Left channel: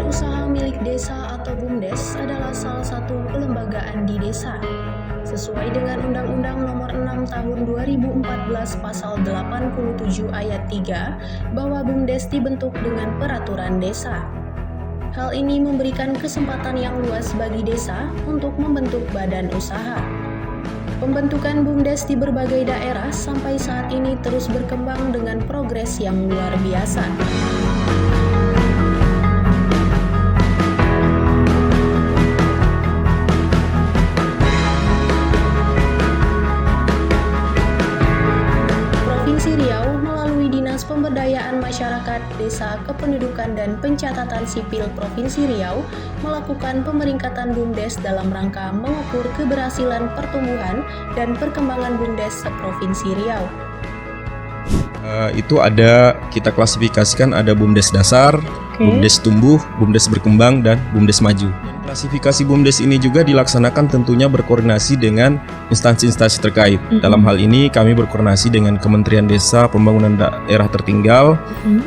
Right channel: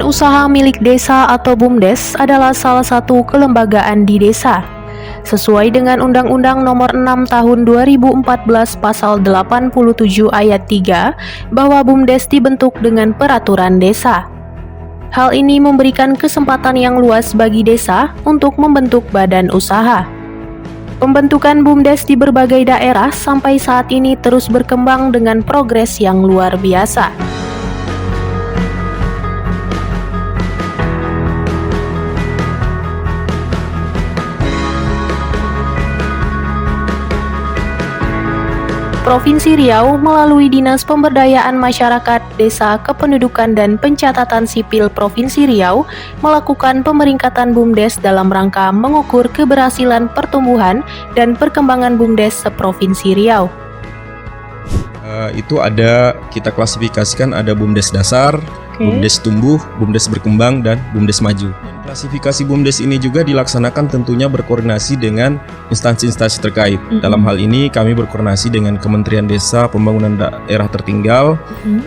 Badan Usaha Milik Desa atau BUMDes adalah salah satu kelembagaan di desa. Sesuai dengan Undang-Undang Nomor 6 Tahun 2014 Pasal 87 Ayat 3, bahwa BUMDes dibentuk dengan peraturan desa. Hal ini memberikan kesempatan yang luas bagi desa untuk membentuk badan usaha. Pembentukan BUMDes di berbagai daerah sampai saat ini terus berkembang dengan progres yang luar biasa. Provinsi Riau melalui Dinas Pemberdayaan Masyarakat, Desa, Kependudukan dan Pencatatan Sipil Provinsi Riau melakukan pemeringkatan BUMDes dalam rangka mengukur keberhasilan pertumbuhan dan perkembangan BUMDes seprovinsi Riau. Itu ada, kita klasifikasikan ada BUMDes dasar, BUMDes tumbuh, BUMDes berkembang, dan BUMDes maju. Klasifikasi BUMDes ini juga dilaksanakan tentunya berkoordinasi dengan instansi-instansi terkait. Dalam hal ini kami berkoordinasi dengan Kementerian Desa Pembangunan Daerah Tertinggal,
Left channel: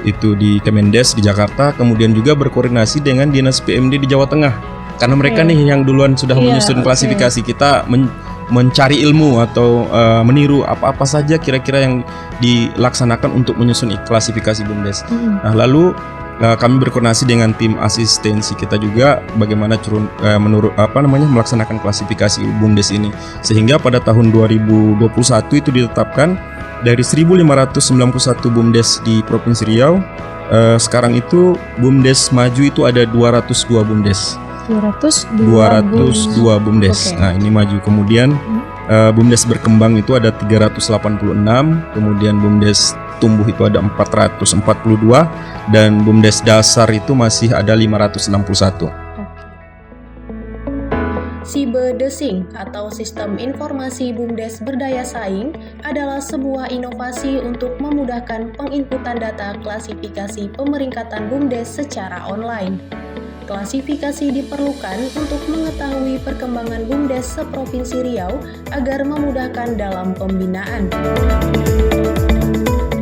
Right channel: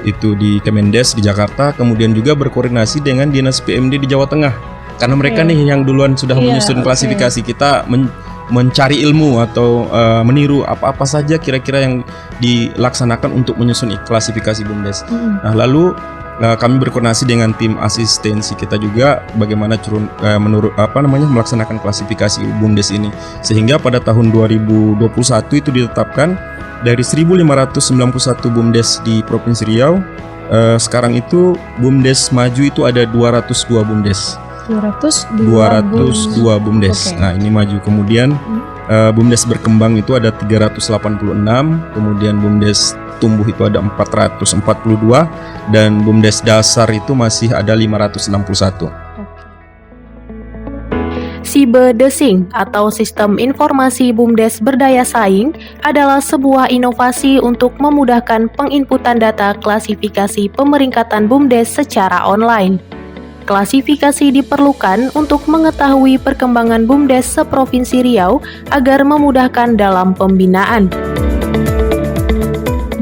itu di Kemendes di Jakarta, kemudian juga berkoordinasi dengan Dinas PMD di Jawa Tengah. Karena mereka nih yang duluan sudah menyusun klasifikasi, kita mencari ilmu atau meniru apa-apa saja kira-kira yang dilaksanakan untuk menyusun klasifikasi BUMDes. Nah, lalu kami berkoordinasi dengan tim asistensi kita juga bagaimana melaksanakan klasifikasi BUMDes ini, sehingga pada tahun 2021 itu ditetapkan dari 1.591 BUMDes di Provinsi Riau. Sekarang itu BUMDes maju itu ada 202 BUMDes. 202 BUMDes. Nah, ini maju. Kemudian BUMDes berkembang itu ada 386, kemudian BUMDes tumbuh itu ada 442, dan BUMDes dasar itu masih ada 561. Sibedesing atau Sistem Informasi BUMDes Berdaya Saing adalah sebuah inovasi untuk memudahkan penginputan data klasifikasi pemeringkatan BUMDes secara online. Klasifikasi diperlukan untuk mengetahui perkembangan BUMDes seprovinsi Riau agar memudahkan dalam pembinaan.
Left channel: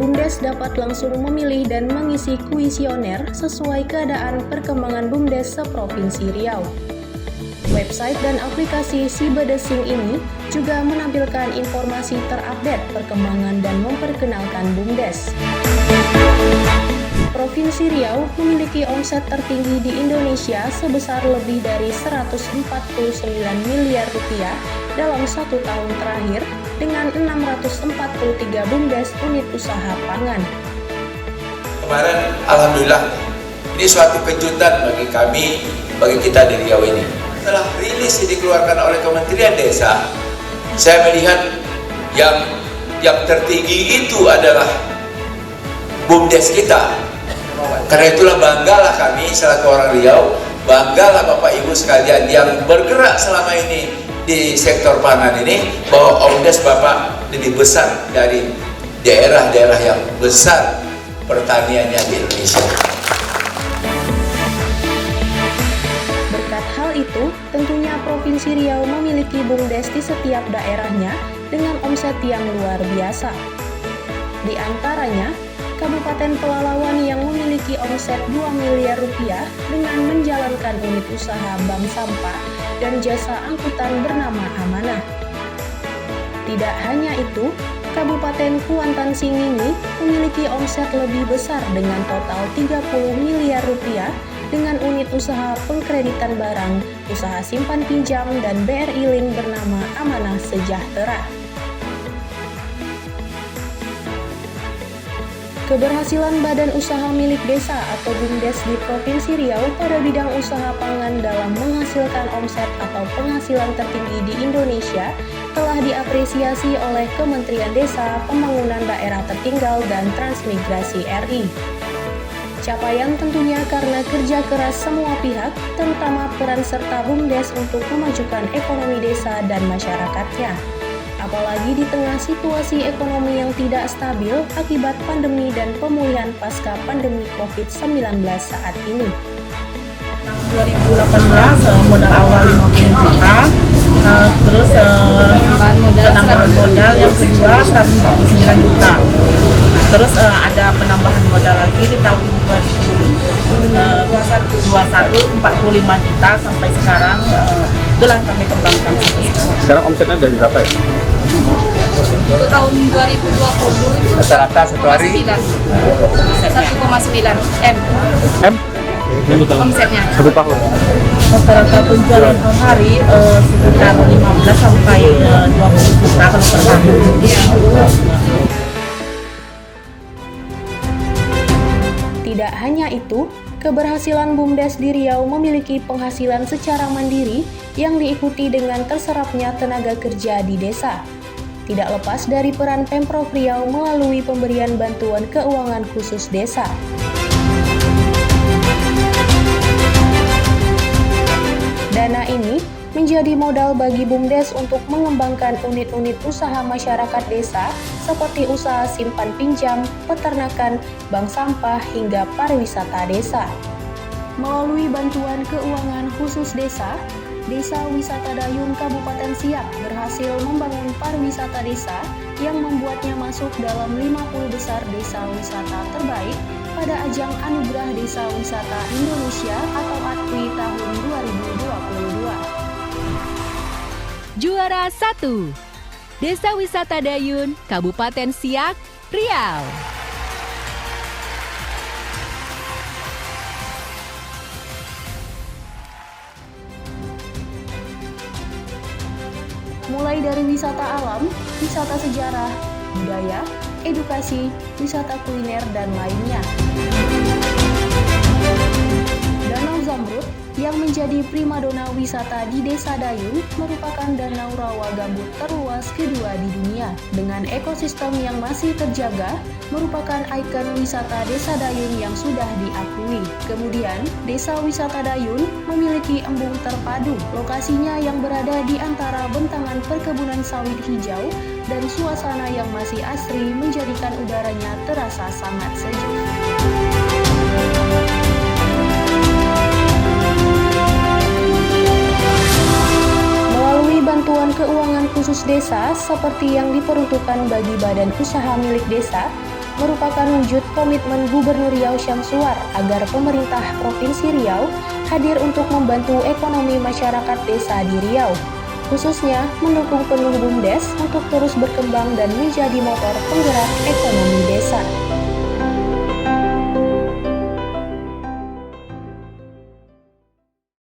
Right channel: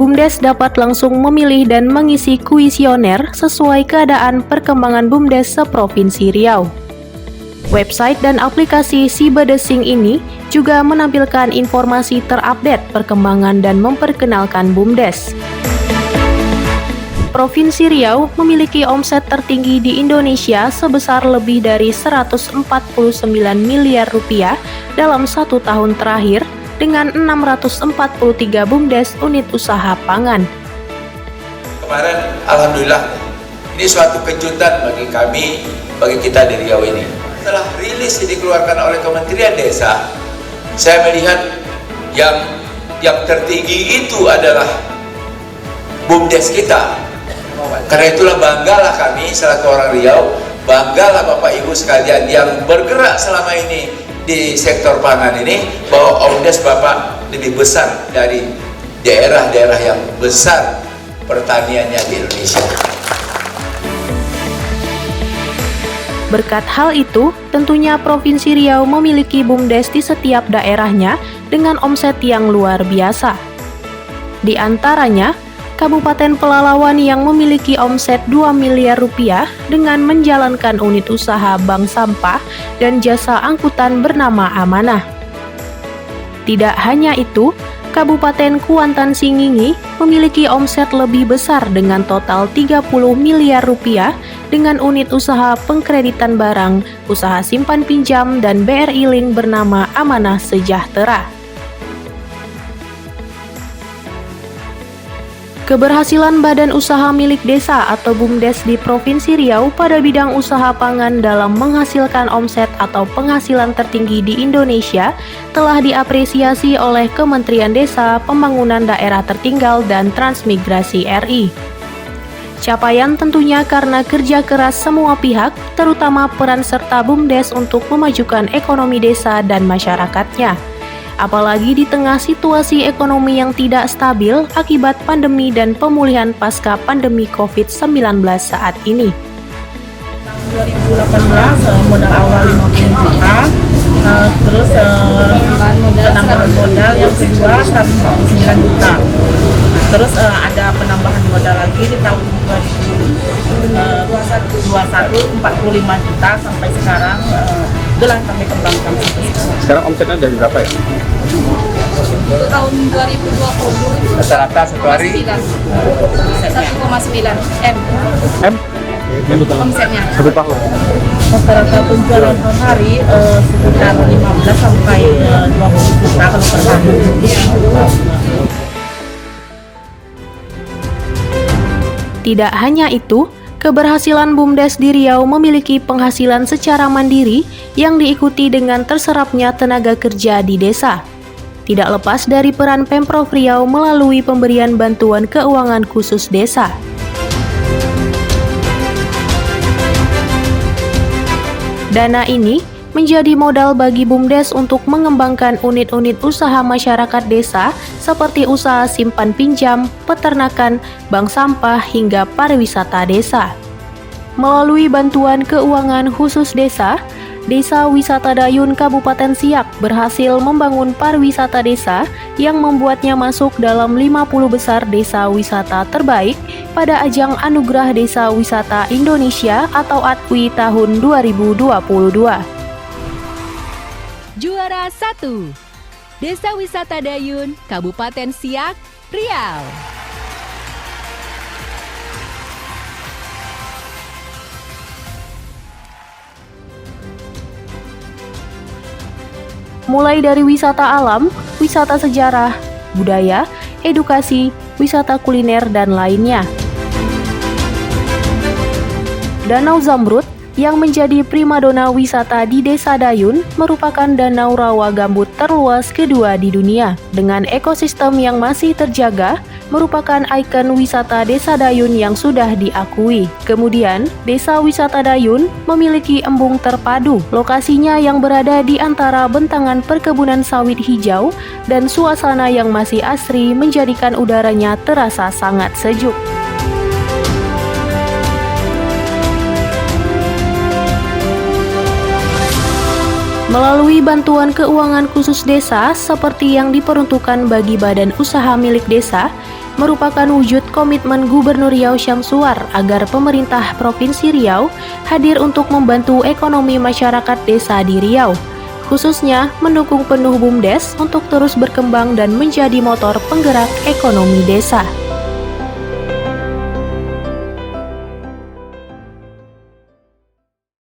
BUMDes dapat langsung memilih dan mengisi kuesioner sesuai keadaan perkembangan BUMDes seprovinsi Riau. Website dan aplikasi Sibedesing ini juga menampilkan informasi terupdate perkembangan dan memperkenalkan BUMDes. Provinsi Riau memiliki omset tertinggi di Indonesia sebesar lebih dari 149 miliar rupiah dalam 1 tahun terakhir dengan 643 BUMDes unit usaha pangan. Kemarin alhamdulillah ini suatu kejutan bagi kami, bagi kita di Riau ini. Setelah rilis yang dikeluarkan oleh Kementerian Desa, saya melihat yang tertinggi itu adalah BUMDes kita. Karena itulah banggalah kami selaku orang Riau, banggalah Bapak Ibu sekalian yang bergerak selama ini di sektor pangan ini, bahwa BUMDes Bapak lebih besar dari daerah-daerah yang besar pertaniannya di Indonesia. Berkat hal itu, tentunya Provinsi Riau memiliki BUMDes di setiap daerahnya dengan omset yang luar biasa. Di antaranya, Kabupaten Pelalawan yang memiliki omset 2 miliar rupiah dengan menjalankan unit usaha bank sampah dan jasa angkutan bernama Amanah. Tidak hanya itu, Kabupaten Kuantan Singingi memiliki omset lebih besar dengan total 30 miliar rupiah dengan unit usaha pengkreditan barang, usaha simpan pinjam, dan BRI Link bernama Amanah Sejahtera. Keberhasilan Badan Usaha Milik Desa atau BUMDes di Provinsi Riau pada bidang usaha pangan dalam menghasilkan omset atau penghasilan tertinggi di Indonesia telah diapresiasi oleh Kementerian Desa, Pembangunan Daerah Tertinggal, dan Transmigrasi RI. Capaian tentunya karena kerja keras semua pihak, terutama peran serta BUMDes untuk memajukan ekonomi desa dan masyarakatnya. Apalagi di tengah situasi ekonomi yang tidak stabil akibat pandemi dan pemulihan pasca pandemi COVID-19 saat ini. Tahun 2018 modal awal 50 juta, terus penambahan modal yang kedua 149 juta. Terus ada penambahan modal lagi di tahun 2021 45 juta sampai sekarang, itulah yang kami kembangkan sampai sekarang. Sekarang omsetnya dari berapa ya? Untuk tahun 2020 itu Rata-rata satu hari 1,9 M M? omsetnya. Satu tahun. Rata-rata penjualan per hari sekitar 15 sampai 20 juta kalau per hari. Tidak hanya itu, keberhasilan BUMDes di Riau memiliki penghasilan secara mandiri yang diikuti dengan terserapnya tenaga kerja di desa. Tidak lepas dari peran Pemprov Riau melalui pemberian bantuan keuangan khusus desa. Dana ini menjadi modal bagi BUMDes untuk mengembangkan unit-unit usaha masyarakat desa seperti usaha simpan pinjam, peternakan, bank sampah, hingga pariwisata desa. Melalui bantuan keuangan khusus desa, Desa Wisata Dayun Kabupaten Siak berhasil membangun pariwisata desa yang membuatnya masuk dalam 50 besar desa wisata terbaik pada ajang Anugerah Desa Wisata Indonesia atau ADWI tahun 2022. Juara 1, Desa Wisata Dayun, Kabupaten Siak, Riau. Mulai dari wisata alam, wisata sejarah, budaya, edukasi, wisata kuliner, dan lainnya. Danau Zamrud yang menjadi primadona wisata di Desa Dayun merupakan danau rawa gambut terluas kedua di dunia. Dengan ekosistem yang masih terjaga, merupakan ikon wisata Desa Dayun yang sudah diakui. Kemudian, Desa Wisata Dayun memiliki embung terpadu. Lokasinya yang berada di antara bentangan perkebunan sawit hijau dan suasana yang masih asri menjadikan udaranya terasa sangat sejuk. Melalui bantuan keuangan khusus desa seperti yang diperuntukkan bagi badan usaha milik desa, merupakan wujud komitmen Gubernur Riau Syamsuar agar pemerintah Provinsi Riau hadir untuk membantu ekonomi masyarakat desa di Riau, khususnya mendukung penuh BUMDes untuk terus berkembang dan menjadi motor penggerak ekonomi desa.